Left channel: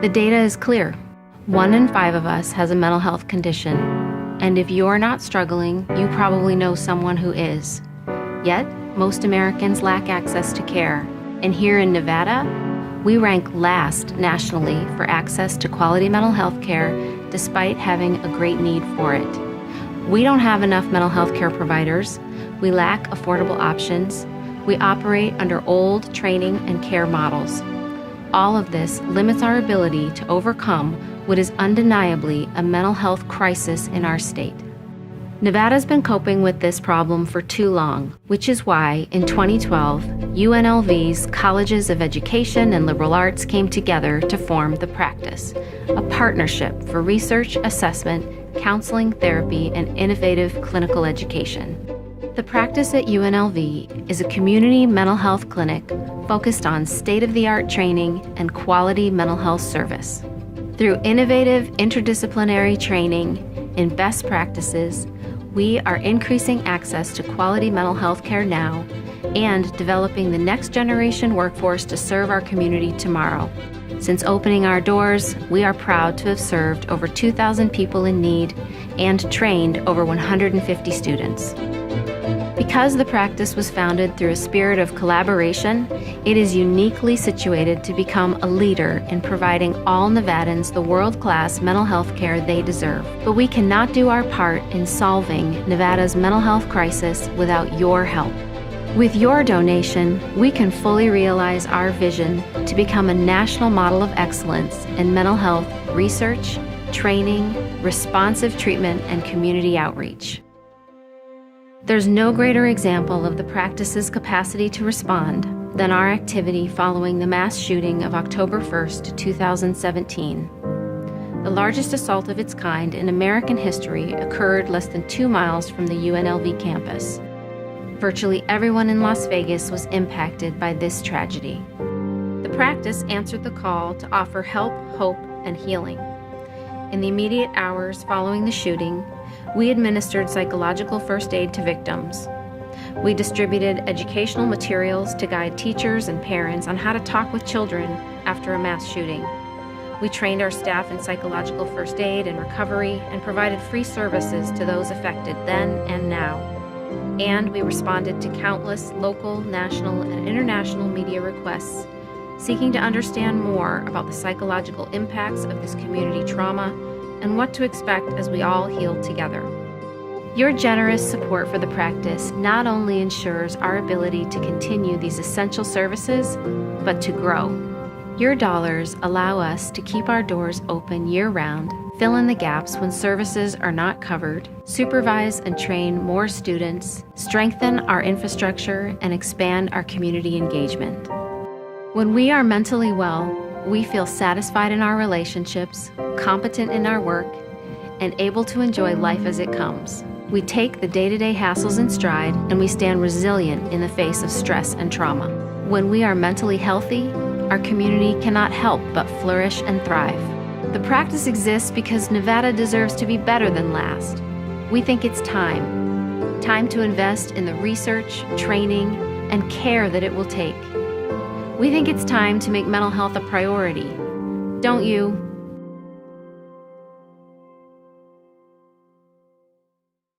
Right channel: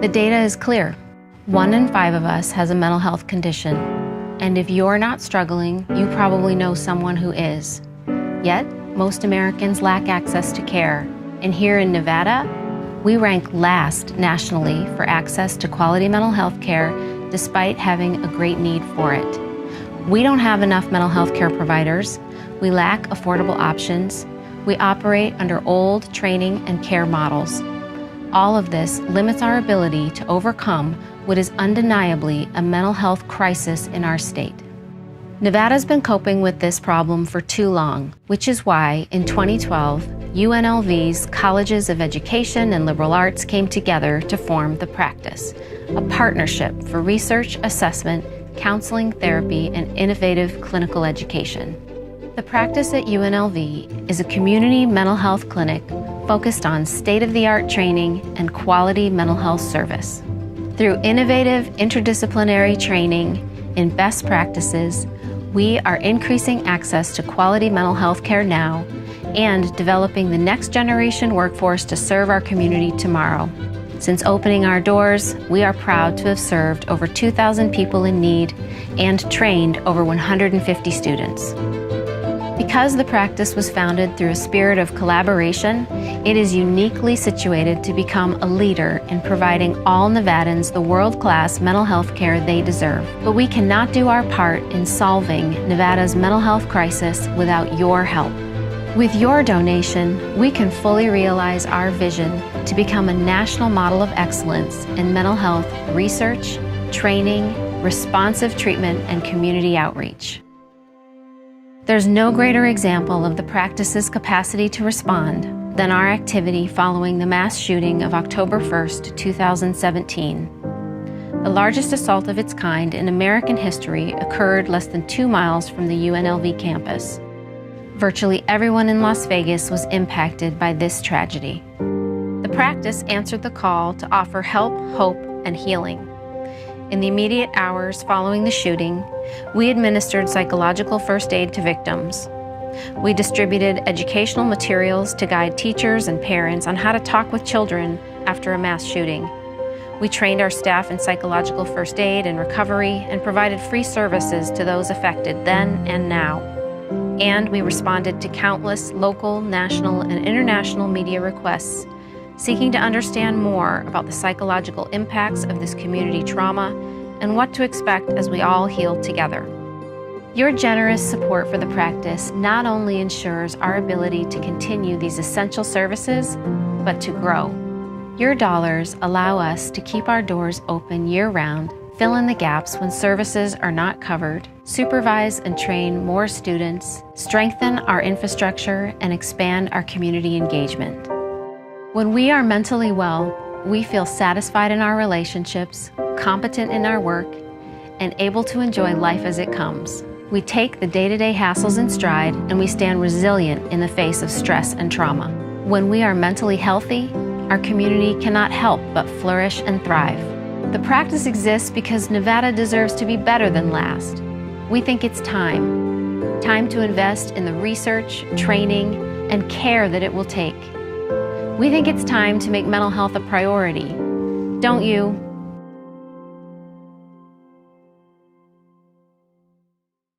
The data is clear. 1 in 5 of us has a mental health condition, and if you're not struggling, you probably know someone who is. Yet, most Americans lack access to care, and here in Nevada, we rank last nationally for access to quality mental health care despite having a great need for it. We don't have enough mental health care providers, we lack affordable options, we operate under old training and care models. All of this limits our ability to overcome what is undeniably a mental health crisis in our state. Nevada's been coping with this problem for too long, which is why in 2012, UNLV's Colleges of Education and Liberal Arts came together to form The PRACTICE, a partnership for research, assessment, counseling, therapy, and innovative clinical education. The PRACTICE at UNLV is a community mental health clinic focused on state-of-the-art training and quality mental health service. Through innovative interdisciplinary training in best practices, we are increasing access to quality mental health care now and developing the next generation workforce to serve our community tomorrow. Since opening our doors, we are proud to have served over 2,000 people in need and trained over 150 students. Because the PRACTICE was founded through a spirit of collaboration, it is uniquely situated to become a leader in providing all Nevadans the world-class mental health care they deserve. But we cannot do our part in solving Nevada's mental health crisis without your help. With your donation, we can fully realize our vision to become a national model of excellence in mental health research, training, responsive treatment, and community outreach. There's no greater example of the PRACTICE's capacity to respond than our activity following the mass shooting of October 1st, 2017. The largest assault of its kind in American history occurred less than 2 miles from the UNLV campus. Virtually everyone in Las Vegas was impacted by this tragedy. The PRACTICE answered the call to offer help, hope, and healing. In the immediate hours following the shooting, we administered psychological first aid to victims. We distributed educational materials to guide teachers and parents on how to talk with children after a mass shooting. We trained our staff in psychological first aid and recovery and provided free services to those affected then and now. And we responded to countless local, national, and international media requests seeking to understand more about the psychological impacts of this community trauma and what to expect as we all heal together. Your generous support for the PRACTICE not only ensures our ability to continue these essential services, but to grow. Your dollars allow us to keep our doors open year-round, fill in the gaps when services are not covered, supervise and train more students, strengthen our infrastructure, and expand our community engagement. When we are mentally well, we feel satisfied in our relationships, competent in our work, and able to enjoy life as it comes. We take the day-to-day hassles in stride, and we stand resilient in the face of stress and trauma. When we are mentally healthy, our community cannot help but flourish and thrive. The PRACTICE exists because Nevada deserves to be better than last. We think it's time to invest in the research, training, and care that it will take. We think it's time to make mental health a priority. Don't you?